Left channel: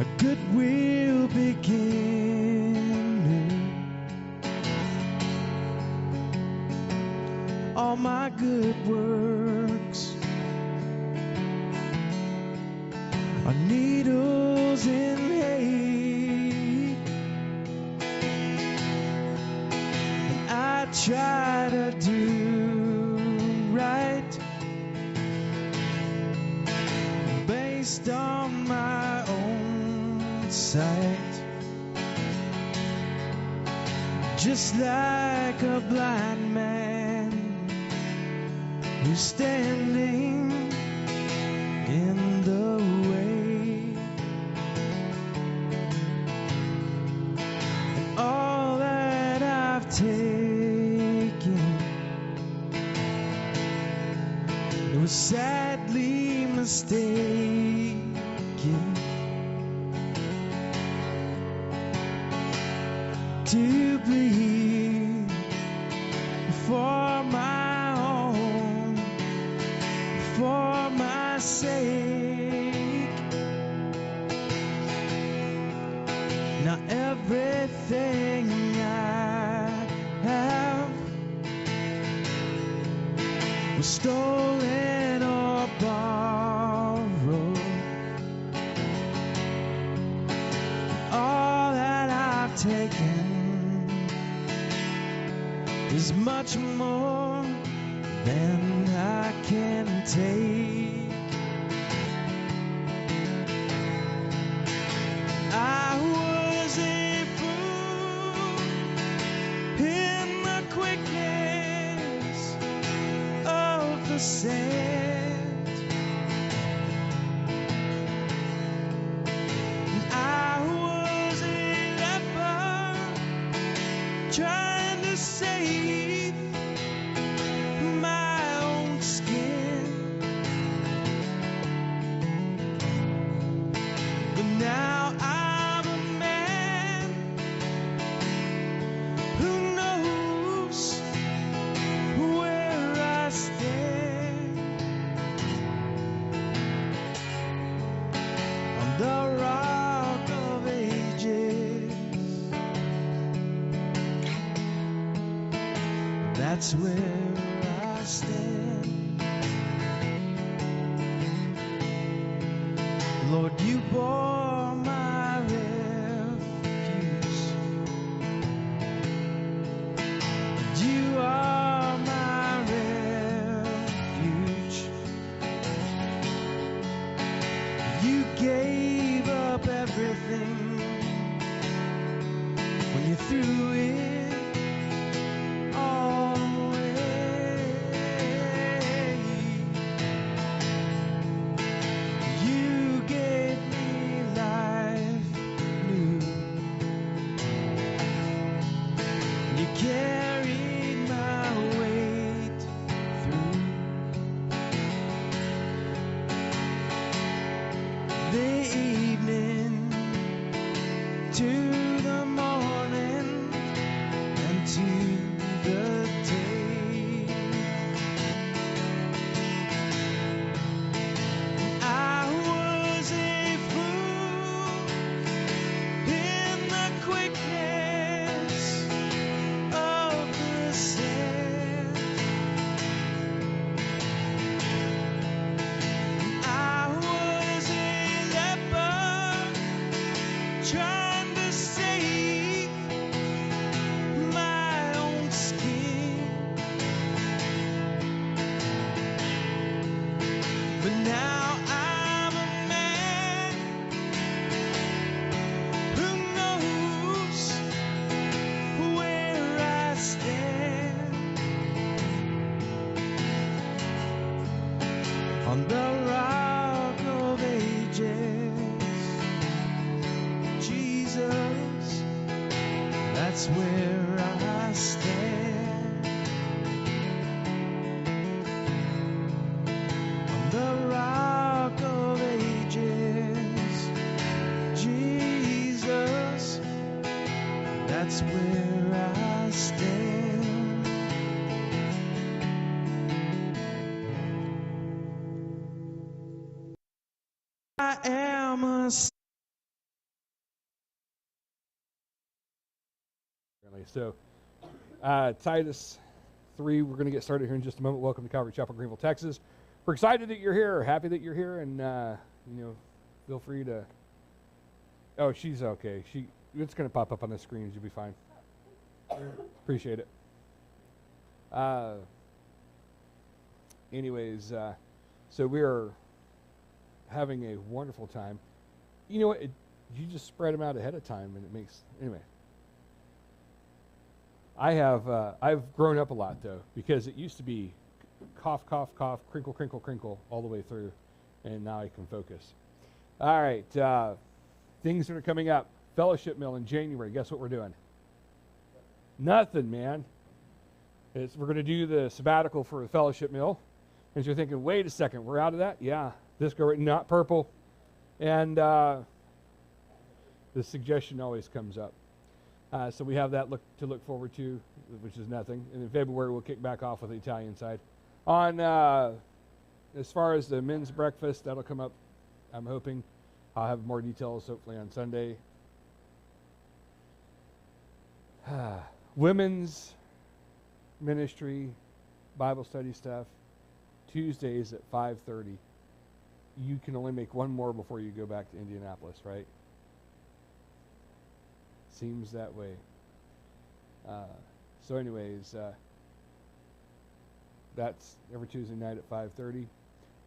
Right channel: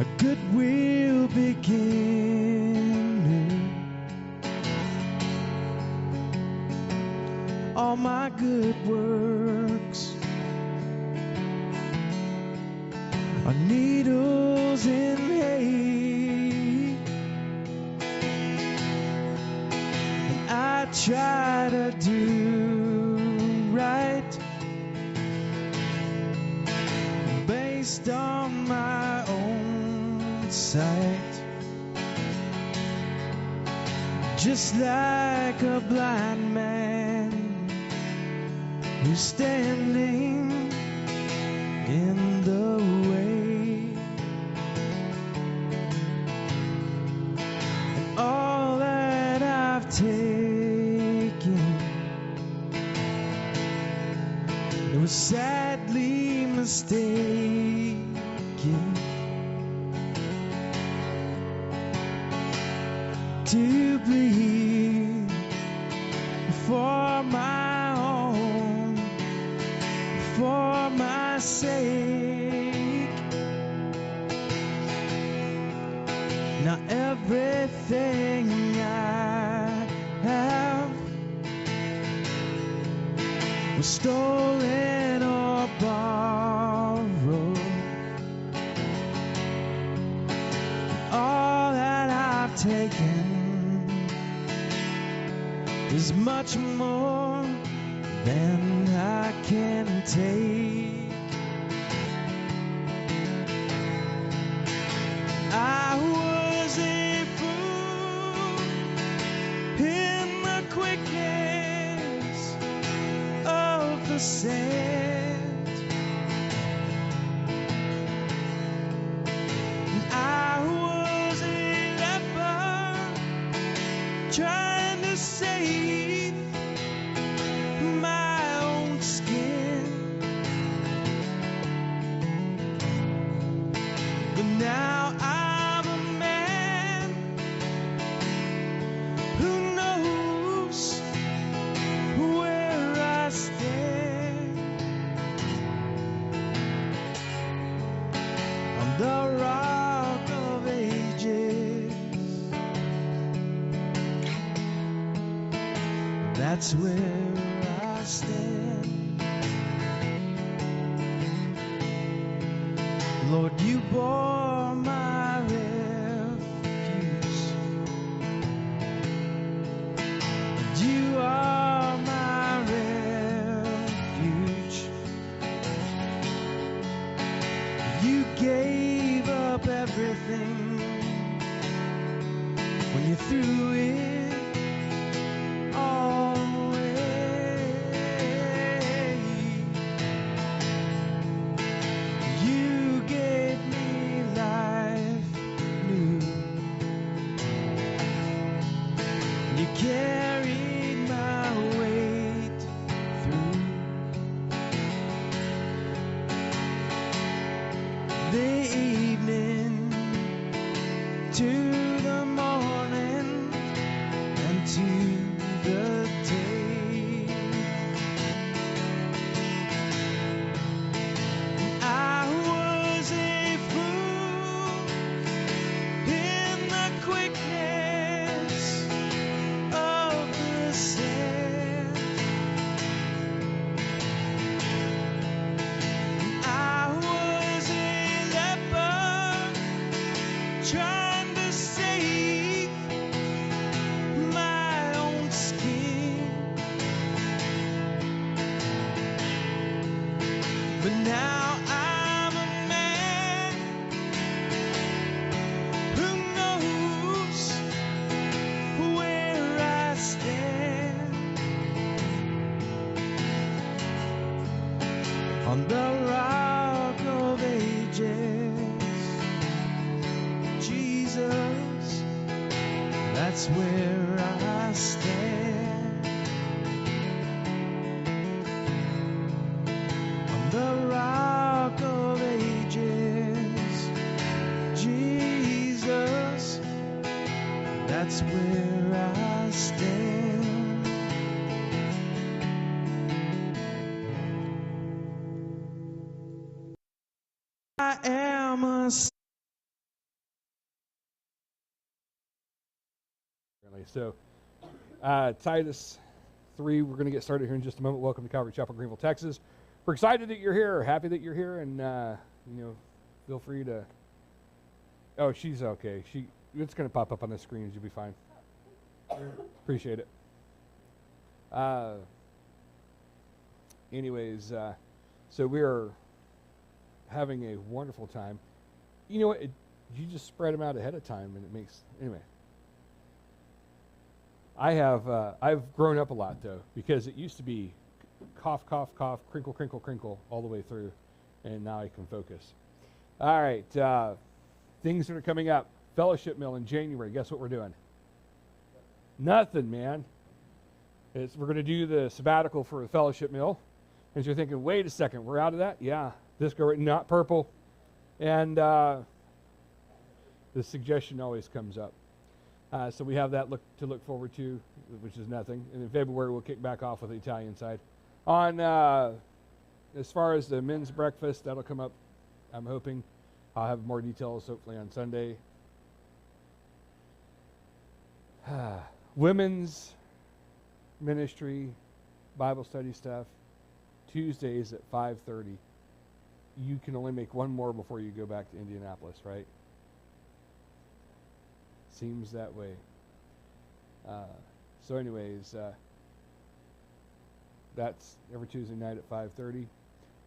a goodwill beginner. All my good works are needles in hay, and I try to do right based on my own sight, just like a blind man who's standing in the way. And all that I've taken, it was sadly mistaken to bleed for my own, for my sake. Now everything I have was stolen or borrowed. All that I've taken is much more than I can take. I was a fool in the quickness of the sand, and I was a leper trying to save my own skin. But now I'm a man who knows where I stand on the rock of ages. That's where I stand. Lord, you bore my refuse. You are my refuge. You gave up everything when you threw it all away. You gave me life new. You carried my weight through the evening to the morning and to the day. I was a fool in the quickness of the sand. I was a leper trying to save my own skin. But now I'm a man who knows where I stand on the rock of ages. Jesus, that's where I stand. On the rock of ages, Jesus, that's where I stand. I am a So Titus 3, we're going to get started here in just a moment. Welcome to Calvary Chapel, Greenville, Texas. We're excited that you're here, happy that you're here, and feel free to. Oh, she's okay. It's going to pop up on the screen. You'll be fine. Appreciate it. So we are having a wonderful time. You know what? You just spread them out ahead of time, and it makes anyway. I've grown up a lot though, because it used to be cough, cough, cough, crinkle, crinkle, crinkle all the way through, and now I can focus. All right, things that are coming up. Fellowship meal in January. Guess what we're doing? Nothing, man. We're going to do the sabbatical for the fellowship meal. And you're thinking, wait a second, we're out of that? Yeah, this go right, not purple. And the suggestion always comes up. So we have that to look forward to, which is nothing. And in February, we'll kick back off with the Italian side. On as far as the men's breakfast, that'll come up, I'm hoping. I'll have more details hopefully on Sunday. Women's ministry, Bible study stuff, Tuesdays at 5:30. You can only make one more before you go back to Indianapolis, right? Seems that way. That's every Tuesday night at 5:30.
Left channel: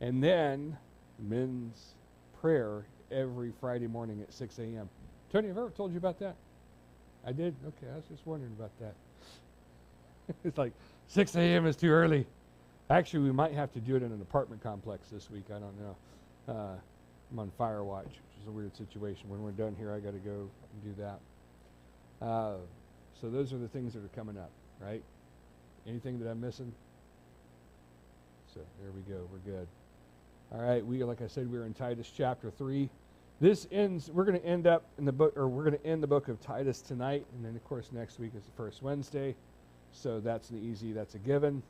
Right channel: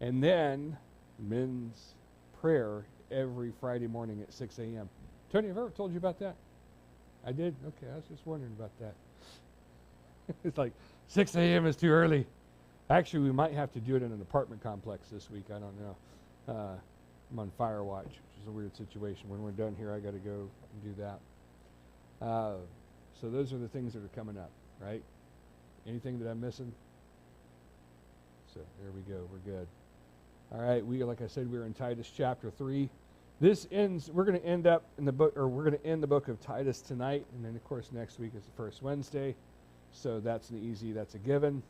And then men's prayer every Friday morning at 6 a.m. Tony, have I ever told you about that? I did? Okay, I was just wondering about that. It's like 6 a.m. is too early. Actually, we might have to do it in an apartment complex this week. I don't know. I'm on fire watch, which is a weird situation. When we're done here, I got to go and do that. So those are the things that are coming up, right? Anything that I'm missing? So there we go. We're good. All right. Like I said, we're in Titus chapter 3. This ends. We're going to end up in the book, or we're going to end the book of Titus tonight, and then of course next week is the first Wednesday. So that's a given.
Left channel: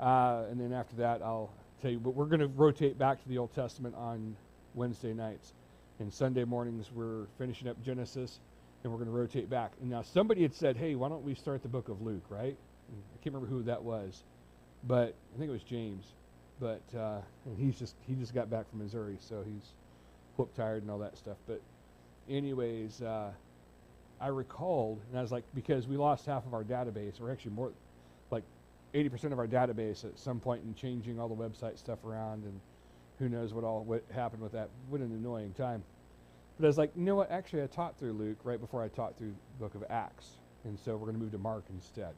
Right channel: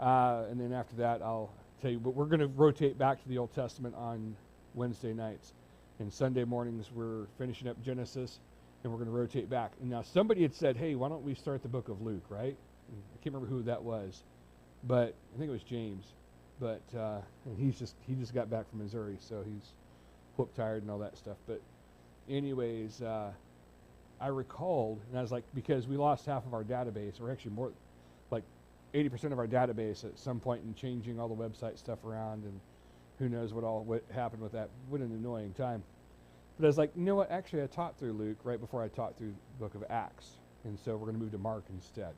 And then after that, I'll tell you. But we're going to rotate back to the Old Testament on Wednesday nights, and Sunday mornings we're finishing up Genesis, and we're going to rotate back. And now somebody had said, "Hey, why don't we start the book of Luke?" Right? I can't remember who that was, but I think it was James. But and he just got back from Missouri, so he's whoop tired and all that stuff. But anyways, I recalled, and I was like, because we lost half of our database, or actually more, like 80% of our database at some point in changing all the website stuff around, and who knows what happened with that. What an annoying time. But I was like, you know what? Actually, I taught through Luke right before I taught through the book of Acts, and so we're going to move to Mark instead.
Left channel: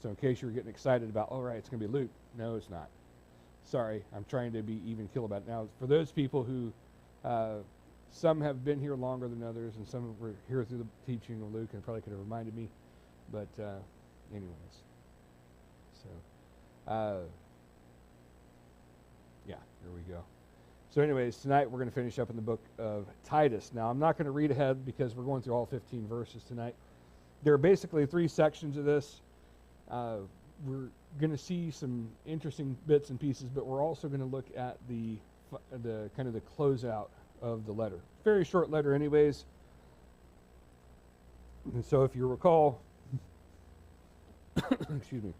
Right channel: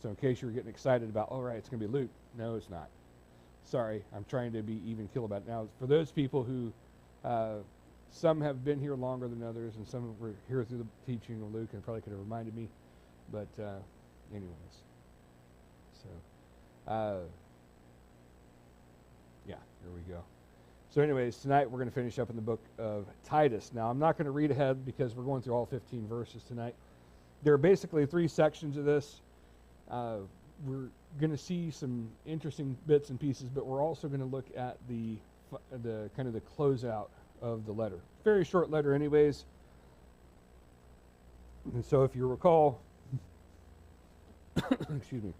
So in case you were getting excited about, all right, it's going to be Luke. No, it's not. Sorry, I'm trying to be even keel about it. Now, for those people who, some have been here longer than others, and some were here through the teaching of Luke and probably could have reminded me. But anyways, so yeah, here we go. So anyways, tonight we're going to finish up in the book of Titus. Now, I'm not going to read ahead because we're going through all 15 verses tonight. There are basically 3 sections of this. We're going to see some interesting bits and pieces, but we're also going to look at the kind of the closeout of the letter. Very short letter anyways. And so if you recall, excuse me.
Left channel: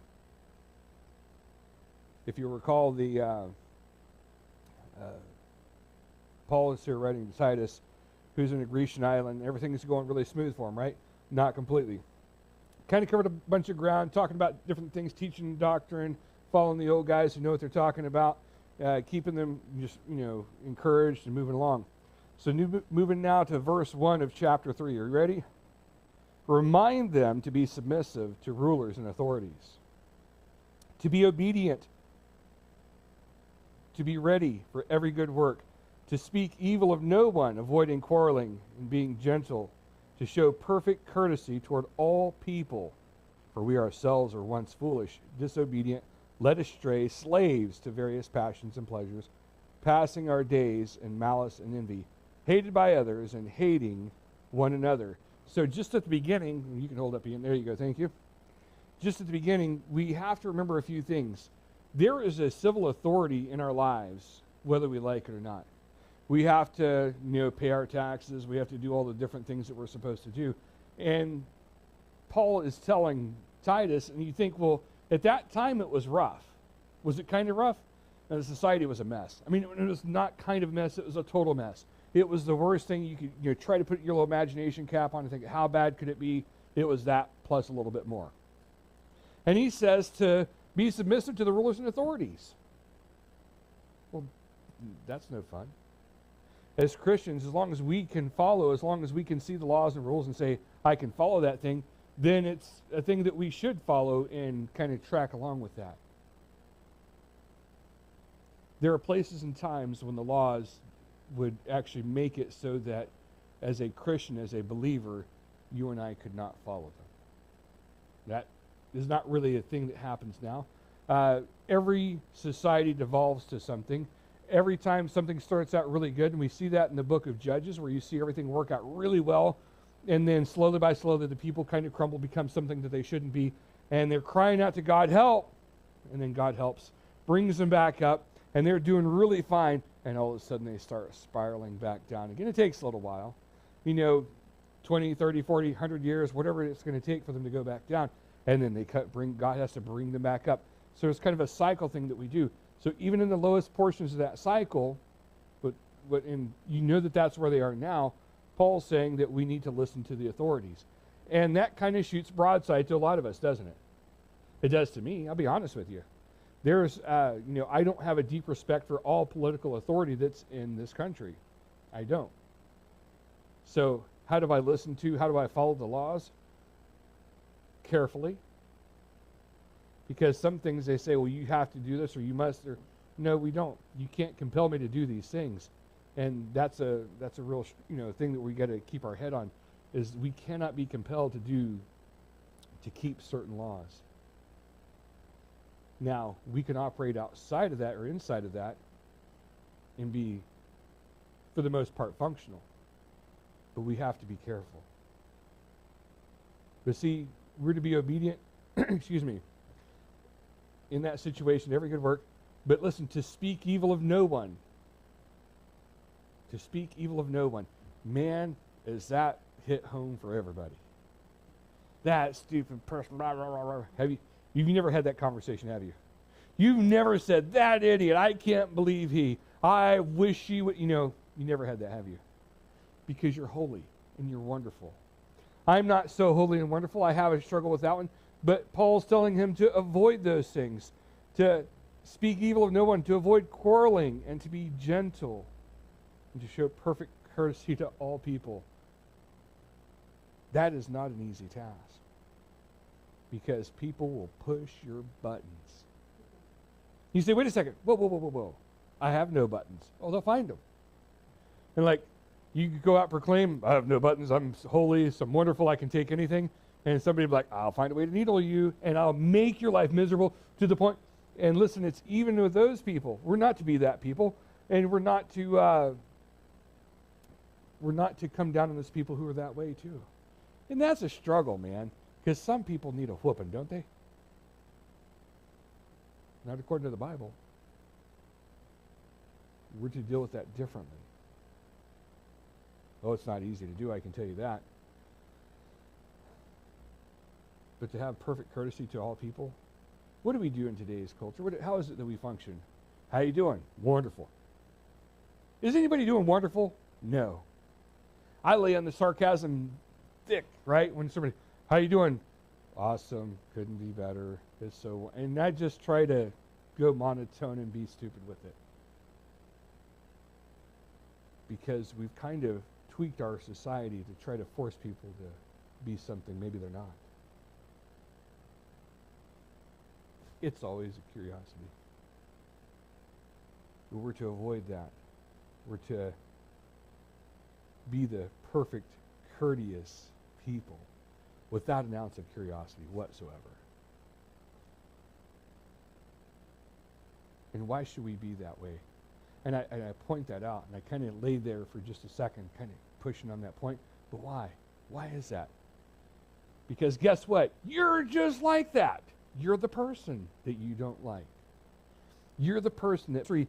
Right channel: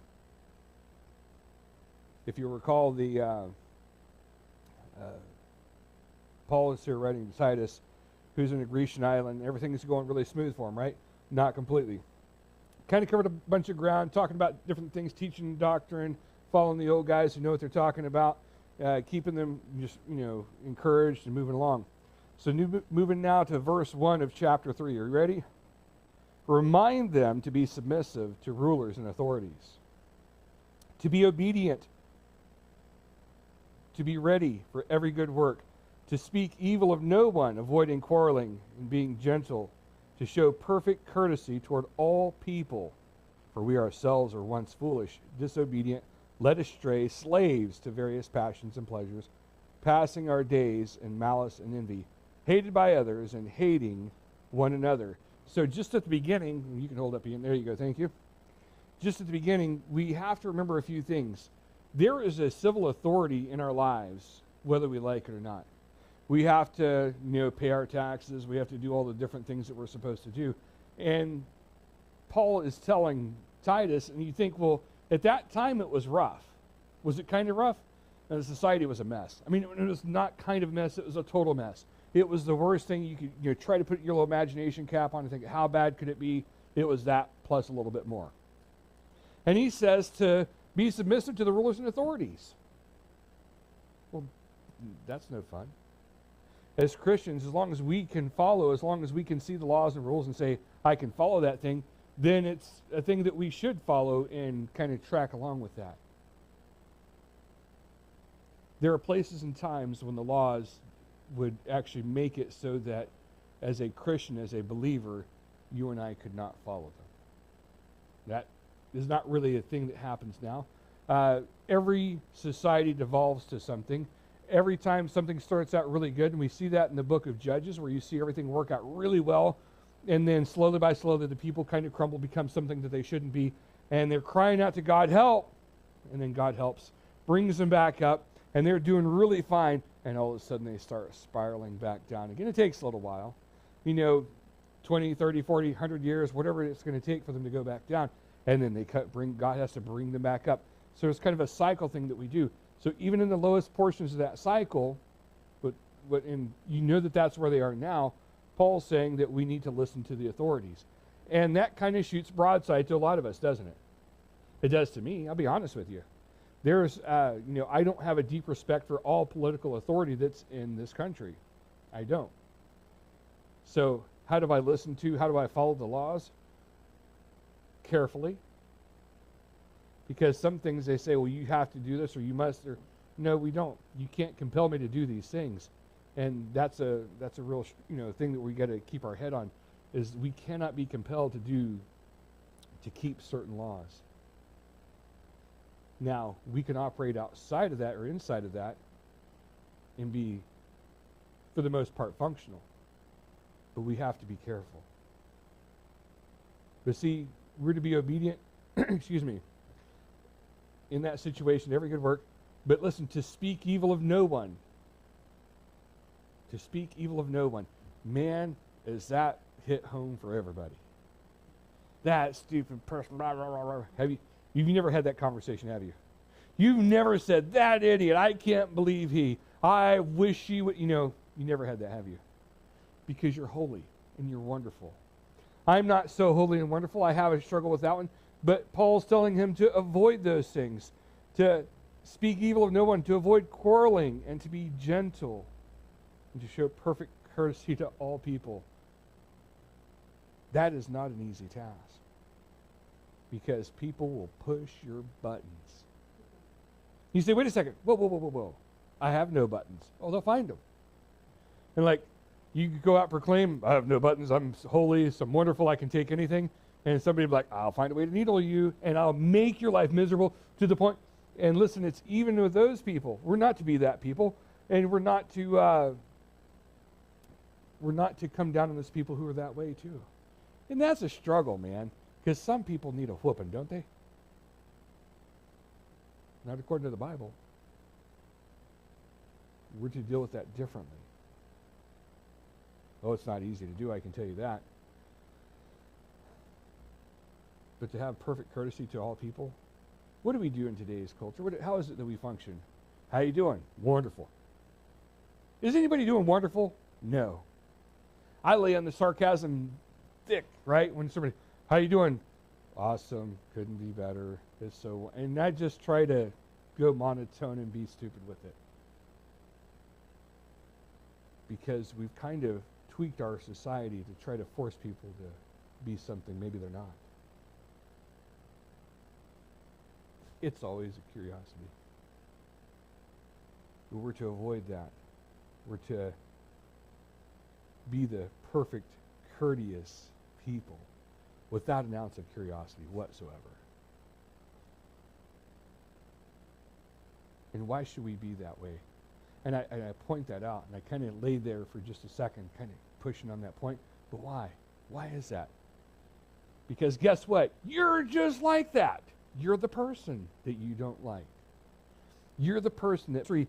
If you recall, Paul is here writing to Titus, who's in a Grecian island. Everything is going really smooth for him, right? Not completely. Kind of covered a bunch of ground, talking about different things, teaching doctrine, following the old guys who know what they're talking about, keeping them just, encouraged and moving along. So moving now to verse 1 of chapter 3. Are you ready? Remind them to be submissive to rulers and authorities, to be obedient, to be ready for every good work, to speak evil of no one, avoiding quarreling and being gentle, to show perfect courtesy toward all people. For we ourselves were once foolish, disobedient, led astray, slaves to various passions and pleasures, passing our days in malice and envy, hated by others and hating one another. So just at the beginning, you can hold up again. There you go. Thank you. Just at the beginning, we have to remember a few things. There is a civil authority in our lives, whether we like it or not. We have to, pay our taxes. We have to do all the different things that we're supposed to do. And Paul is telling Titus, and you think, well, at that time it was rough. Was it kind of rough? And the society was a mess. I mean, it was not kind of a mess. It was a total mess. It was the worst thing you could try to put your little imagination cap on and think, how bad could it be? It was that plus a little bit more. And he says to be submissive to the rulers and authorities. Well, that's no fun. As Christians, as long as we can follow, as long as we can see the laws and rules and say, I can follow that thing, then it's a thing that we should follow and kind of track along with that. There are places and times when the laws would actually make it so that as a Christian, as a believer, you and I could not follow them. That is not really a thing that happens now. Every society devolves to something. Every time something starts out really good, and we see that in the book of Judges, where you see everything work out really well, and then slowly by slowly the people kind of crumble, become something that they shouldn't be, and they're crying out to God, help, and then God helps, brings them back up, and they're doing really fine, and all of a sudden they start spiraling back down again. It takes a little while. 20, 30, 40, 100 years, whatever it's going to take for them to go back down, and then God has to bring them back up. So it's kind of a cycle thing that we do. So even in the lowest portions of that cycle, that's where they are now, Paul's saying that we need to listen to the authorities. And that kind of shoots broadside to a lot of us, doesn't it? It does to me, I'll be honest with you. There's, I don't have a deep respect for all political authority that's in this country. I don't. So how do I follow the laws? Carefully. Because some things they say, well, you have to do this or you must. Or no, we don't. You can't compel me to do these things. And that's a real thing that we got to keep our head on, is we cannot be compelled to keep certain laws. Now, we can operate outside of that or inside of that and be, for the most part, functional. But we have to be careful. But see, we're to be obedient, in that situation, every good work. But listen, to speak evil of no one. To speak evil of no one. Man, is that hit home for everybody. That stupid person, blah, blah, blah, blah. You've never had that conversation, have you? You've never said, that idiot, I can't believe he. I wish he would. You never had that, have you? Because you're holy and you're wonderful. I'm not so holy and wonderful. I have a struggle with that one. But Paul's telling him to avoid those things, to speak evil of no one, to avoid quarreling, and to be gentle, and to show perfect courtesy to all people. That is not an easy task, because people will push your buttons. You say, wait a second, whoa. I have no buttons. Oh, they'll find them. And you go out and proclaim, I have no buttons, I'm holy, I'm wonderful, I can take anything. And somebody will be like, I'll find a way to needle you, and I'll make your life miserable to the point. And listen, it's even with those people. We're not to be that people, and we're not to come down on those people who are that way too. And that's a struggle, man, because some people need a whooping, don't they? Not according to the Bible. We're to deal with that differently. Oh, it's not easy to do, I can tell you that. But to have perfect courtesy to all people, what do we do in today's culture? How is it that we function? How you doing? Wonderful. Is anybody doing wonderful? No. I lay on the sarcasm thick, right? When somebody, how you doing? Awesome. Couldn't be better. It's so, and I just try to go monotone and be stupid with it. Because we've kind of tweaked our society to try to force people to be something maybe they're not. It's always a curiosity. But we're to avoid that. We're to be the perfect, courteous people without an ounce of curiosity whatsoever. And why should we be that way? And I point that out, and I kind of lay there for just a second, kind of pushing on that point. But why? Why is that? Because guess what? You're just like that. You're the person that you don't like. You're the person that, for